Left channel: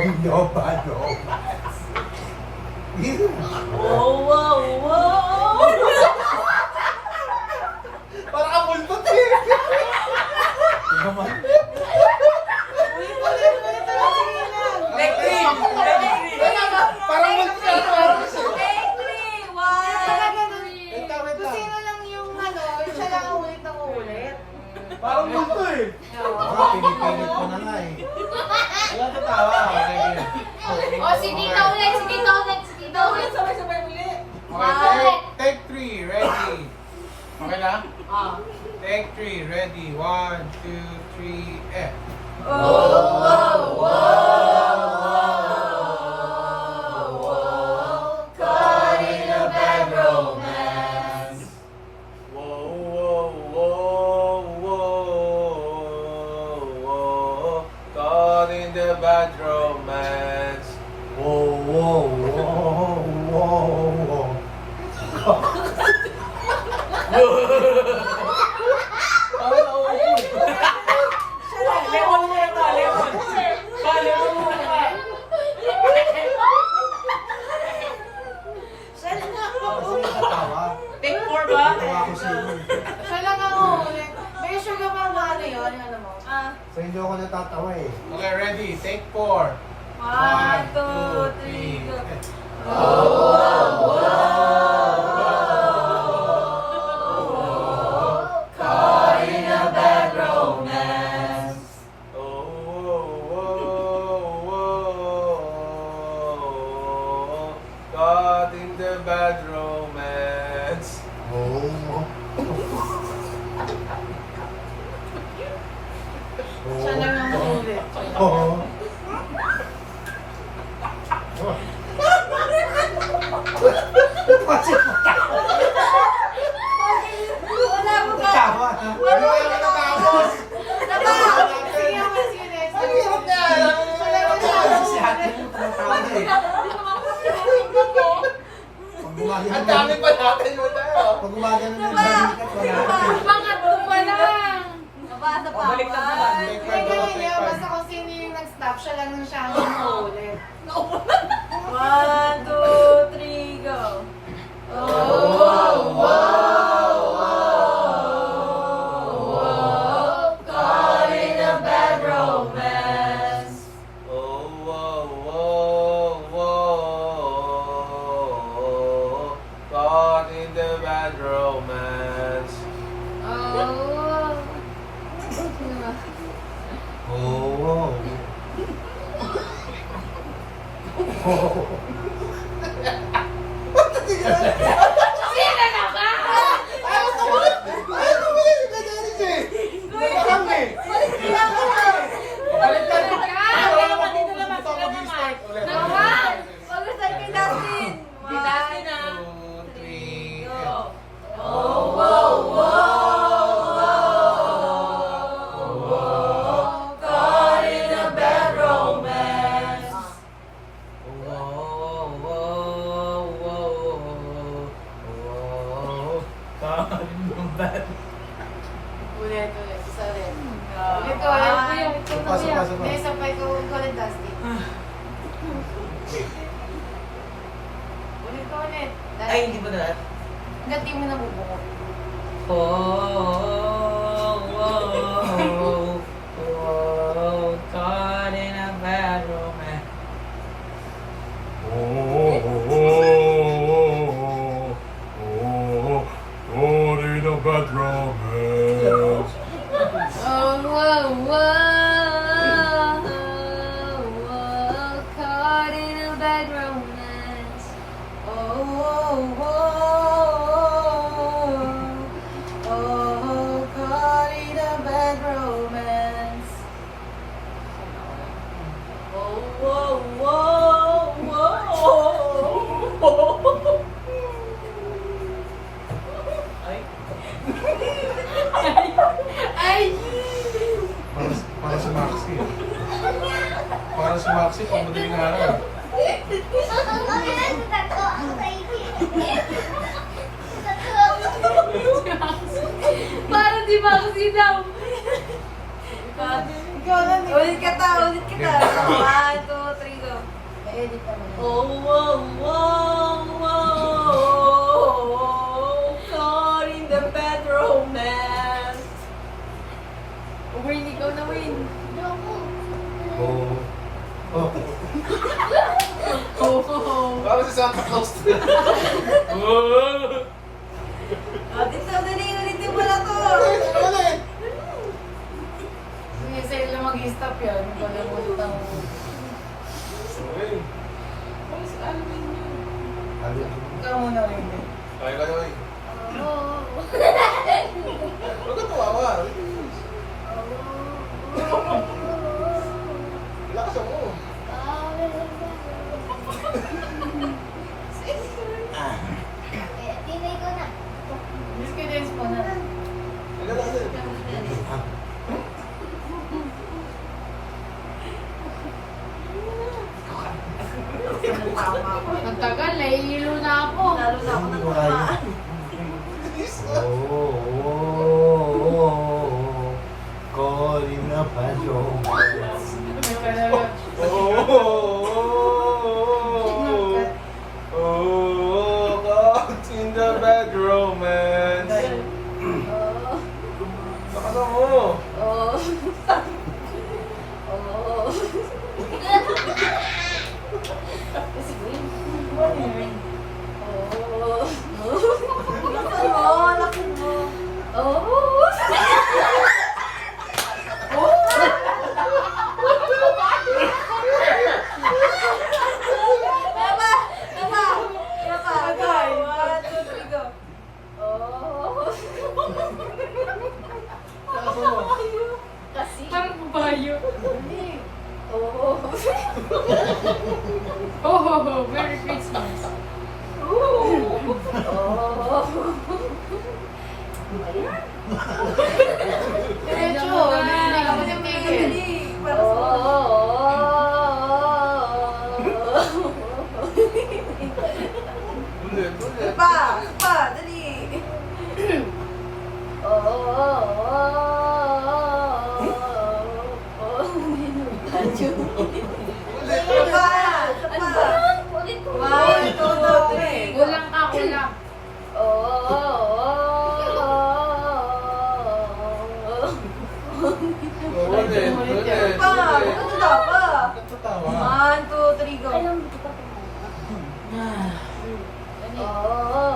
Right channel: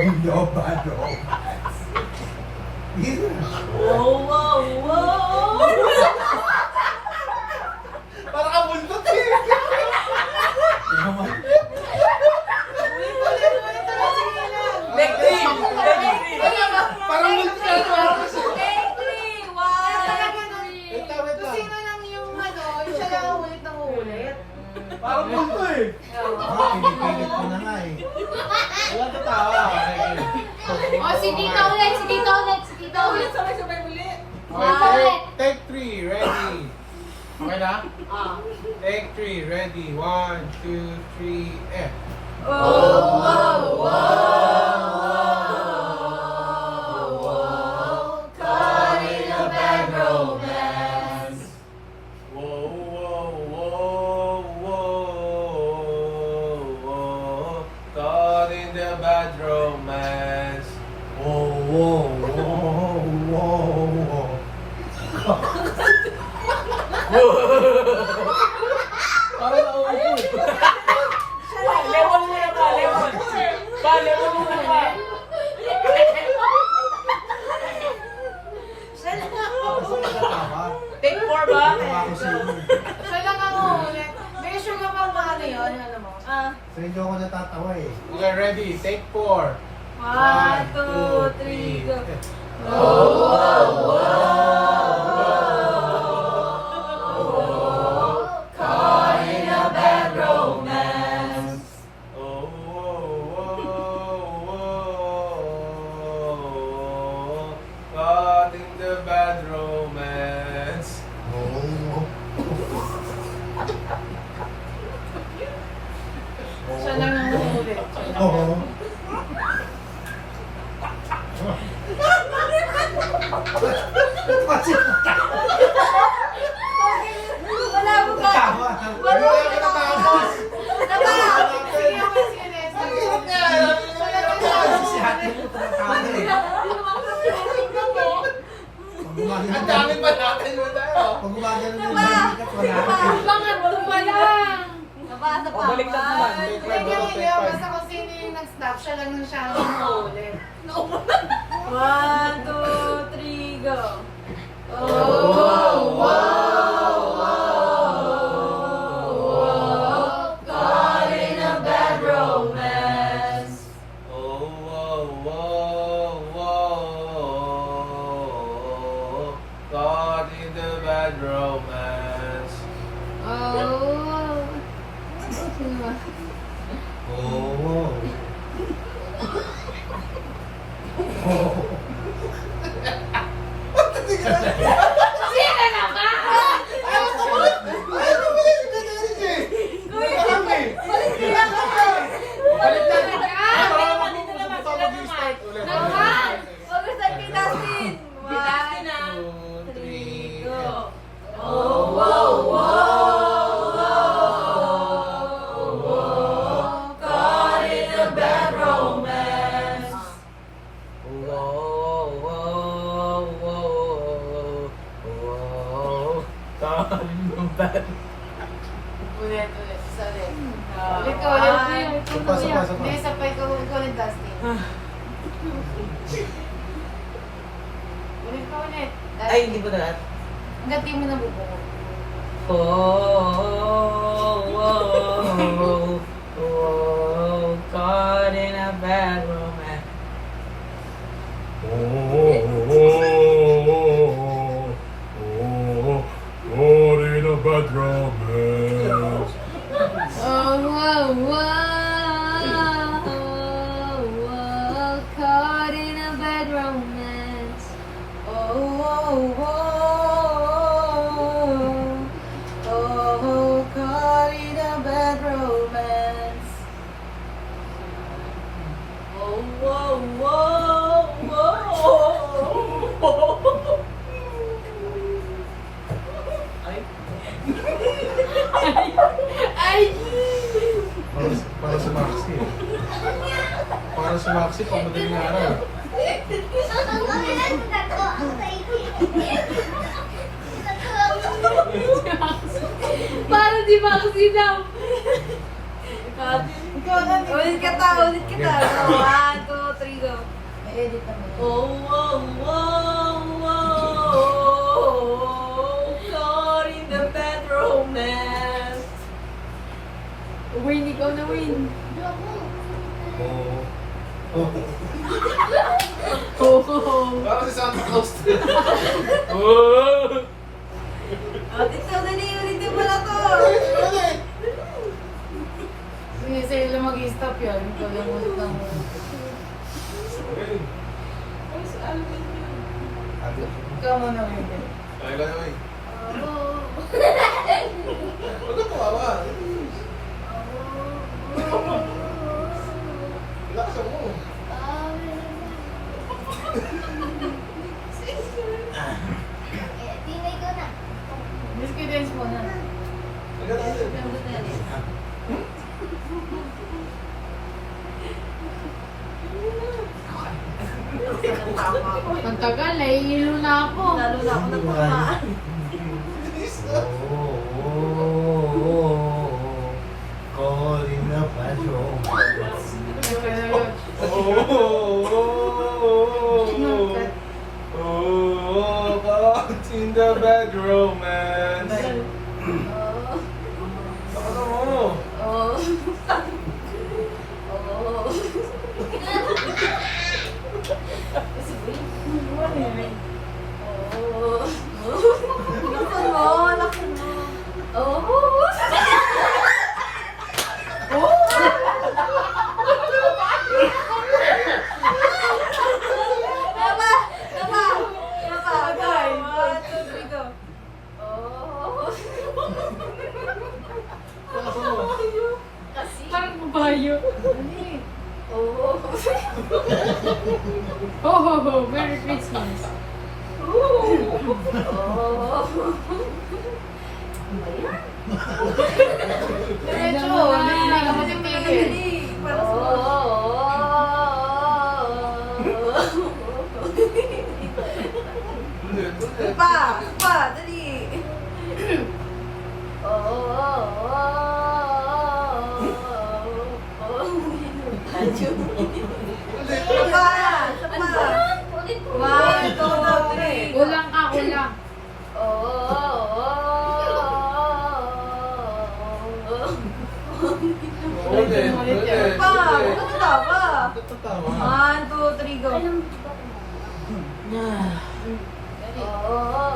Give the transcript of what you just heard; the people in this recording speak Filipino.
No bad romance. Wow, wow, wow! Parang kabuntot eh. Naman. Take three! Parang multi ka naman. Take three! One, three! Wait lang. Kung sino lang yung ano, yung siya nakaulit ng ulit. Parang multo eh. Pinipilit ko na nga eh. Walang tatawa. Sige. O, si Tito ulit, si Tito ulit, si Tito ulit. Sabay-sabay muli. Okay, take 3, ready. Okay na? Ah. Take 3, ready. 1, 2, 3, F. Oh, wow, caught in a bad romance. Whoa, whoa, whoa, whoa. Caught in the bad romance. Whoa, whoa, whoa, whoa. Parang nauupo eh. Lemon na ito, lemon. Ba, lemon muna ba? Take four ba? Siya lang nakaulit. May sure ka ba na ano yun? Ano mo? Ah. Sa inyo ako natatawa eh. Okay, ready. Take 4. 1, 2, 3, go. Caught in a bad romance. Oh, whoa, whoa, whoa. Caught in the bad romance. Siya lang nakaulit. Wala mo ka. Wala ka natapos. Ang dami pa natin yun na. Pag gumagano ng balikat, wala. Pangatlo pa lang. Nabasa pa. Balik na naman. Take Hindi five, ko take niya, five. basta kung sino yung nag-stop, siya lang nung siya ang nakaulit. 1, 2, 3, go. Caught in a bad romance. Oh, whoa, whoa, whoa. Caught in the bad romance. Oh. Oh. Sino na ba? Naman! Pag-start kay Dustin. 1, 2, 3, go. Oh, wow, wow. Caught in a bad romance. Whoa, whoa, whoa, whoa. Caught in the bad. Ulit, isa rin. Ulit Ikaw, One. Pasok, pasok. Hindi, isa pa ikaw ulit, Dustin. Ulit pa ulit. Ay, hindi ba na? Hanggat di mo nabubukod. Caught in a bad romance. Caught in a bad romance. Oh, whoa, whoa. Caught in a bad romance. Oh, whoa, whoa. Oh, caught in a bad romance. Oh, whoa, whoa, whoa. Ay! Para si Maxi. Para si Maxi, pag madaling araw. Parang di ba kasi daw? Ikaw lang. Ulit ka ta, ulit kita. 1, 2, 3, Parang si Santa Claus. Oh! Tito, dali, ulitin mo na to. Sige, sa'yo lang mag-stop yan. Ikaw lang ulit ang... Ikaw mo na rin. Kaya lang naman. Oh. Huwag ka tawawa. Lakasan mo. Tinay ko na. Miss ko dance mo na. Tingnan natin. Ang tagal, nahihilo na ako. Lalo na ako nagmamahal. Calling the patrol. May kanalang. Caught in the bad romance. Lakasan mo. Oh. Laksan mo. Tama! Tama! Tama! Agay. 1, 2, 3, go. Lakasan mo. Parang babayo. Oh. Ho ho ho, Merry Christmas. Diretso. Dali, dali, Dapat yung pinakadali. Para sa pa, dali. Pa, pa. Ulit ko. 1, 2, 3. Kulang ka, kulang. Ulit. Pa, ano daw pa? Tatawa. 1, 2, 3, go. Ayun. Oh.